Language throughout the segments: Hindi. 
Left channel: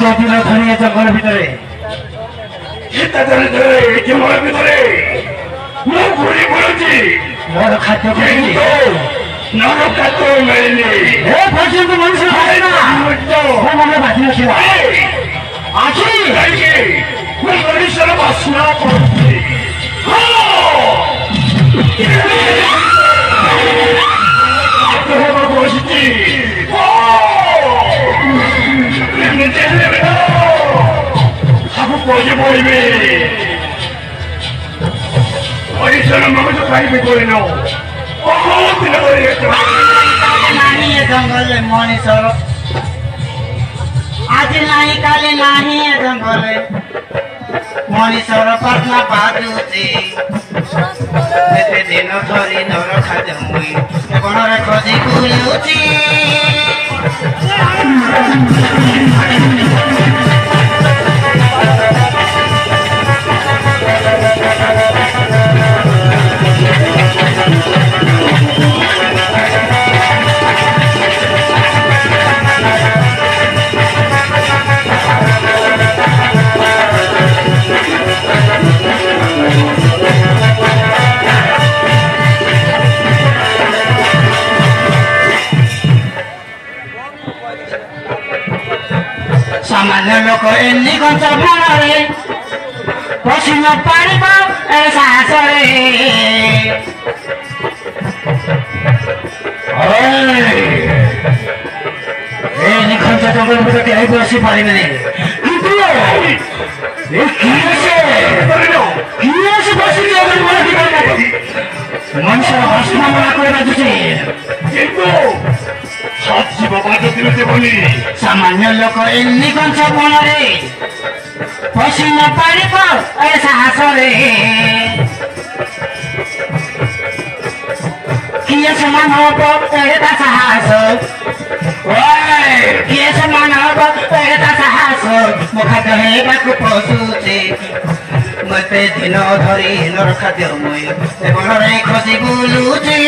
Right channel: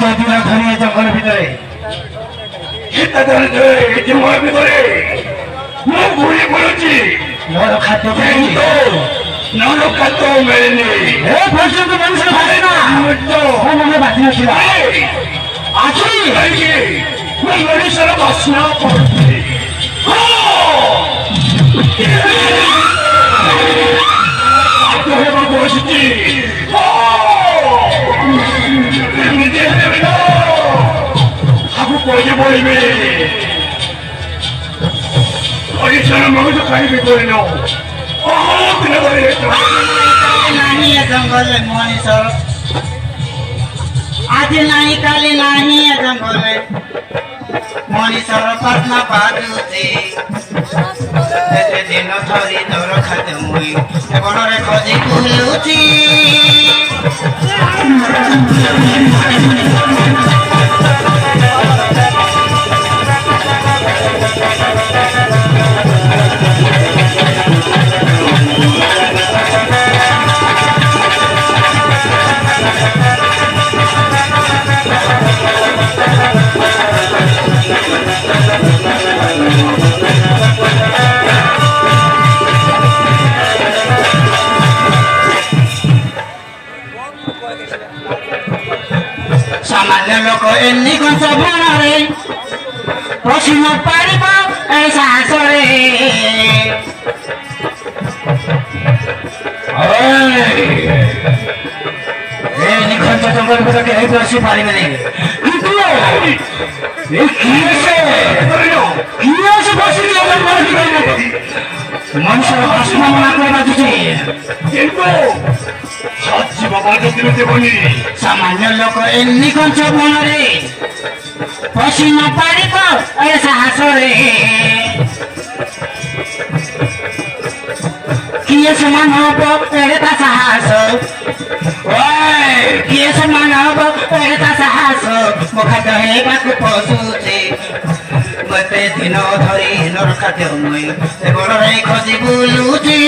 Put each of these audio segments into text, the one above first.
दिन धनी जंगल भितर जंगल भितर ମୁଁ ଘୁରି ପଡୁଛି मोर खाद्य खाई ନର ଖାଦ୍ୟ ମିଳିନି ପର୍ଯ୍ୟନ୍ତ ମଣିଷ ମନେ ବାକି ନଥିଲା ଆଖି ମୁଁ ମଣିଷର ବାସ୍ନା କରୁଛି ବସିଛି ନିଜେ ସବୁ ପଇସା ପଡ଼ିବେ परिचय मनुष्य खाइबे कोइनो बहुत दिन धरि नाही जंगल मनीष आज नाही काले नाही जंगल मनीषर प्रार्थना बाजुचे दिन धरि नर खाद्य मुई बणरे खोजी बुलुची सामान्य लोक एन्नी गन्छ भरे पसिन पारेको सास रे एन्नी गन्छ जंगल भित्र केही बसी पारेन नि किन्तु ए कियासे बसी जंगल भित्र मनुष्य हस्न बनाएको मान्छे किन्तु साक्षी बाबा जतिले देवनी सामान्य लोक एन्नी गन्छ भरे पसिन पारेको सास रे किए समान हो एता साहस किए समान हो एता साहस मुखा कहेबाको पशुचे मते दिन धरि नर खाद्य मुई बणरे खोजी बुलुचे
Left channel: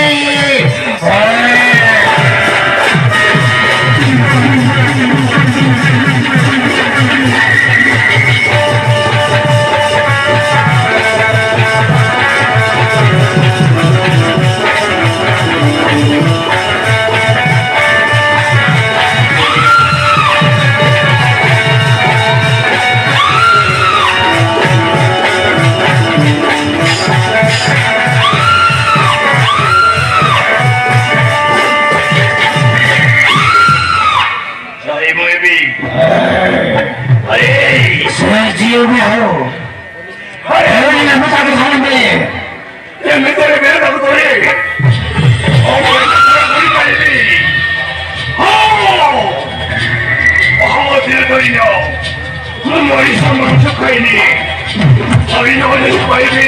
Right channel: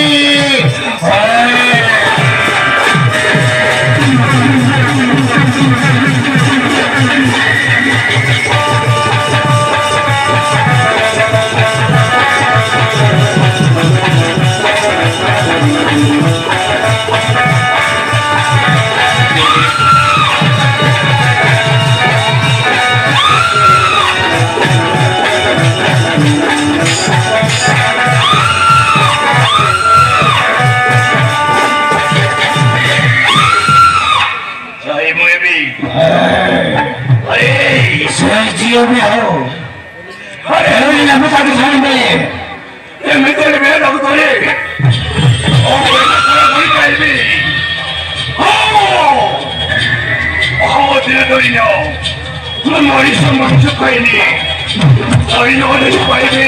जियो में हो अरे ये मत आके खाने में ये मैं तो मेरे बाबू तोरे ओ कोई नहीं ओ दिल दोइनो मैं मोरी सामने चुकाईनी अभी नो ने चुकाईनी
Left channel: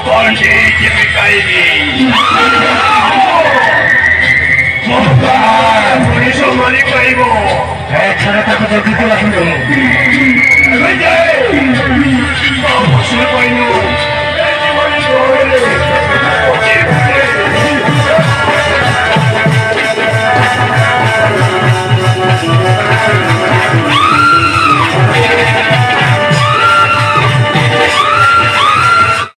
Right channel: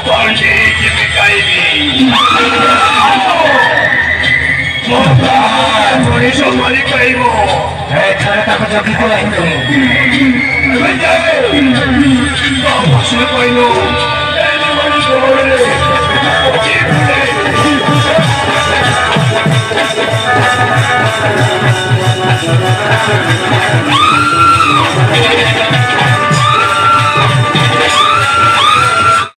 पांडे की बिकाईनी मोटा मोरी सामने काईबो है छरता को जोगी को लाऊं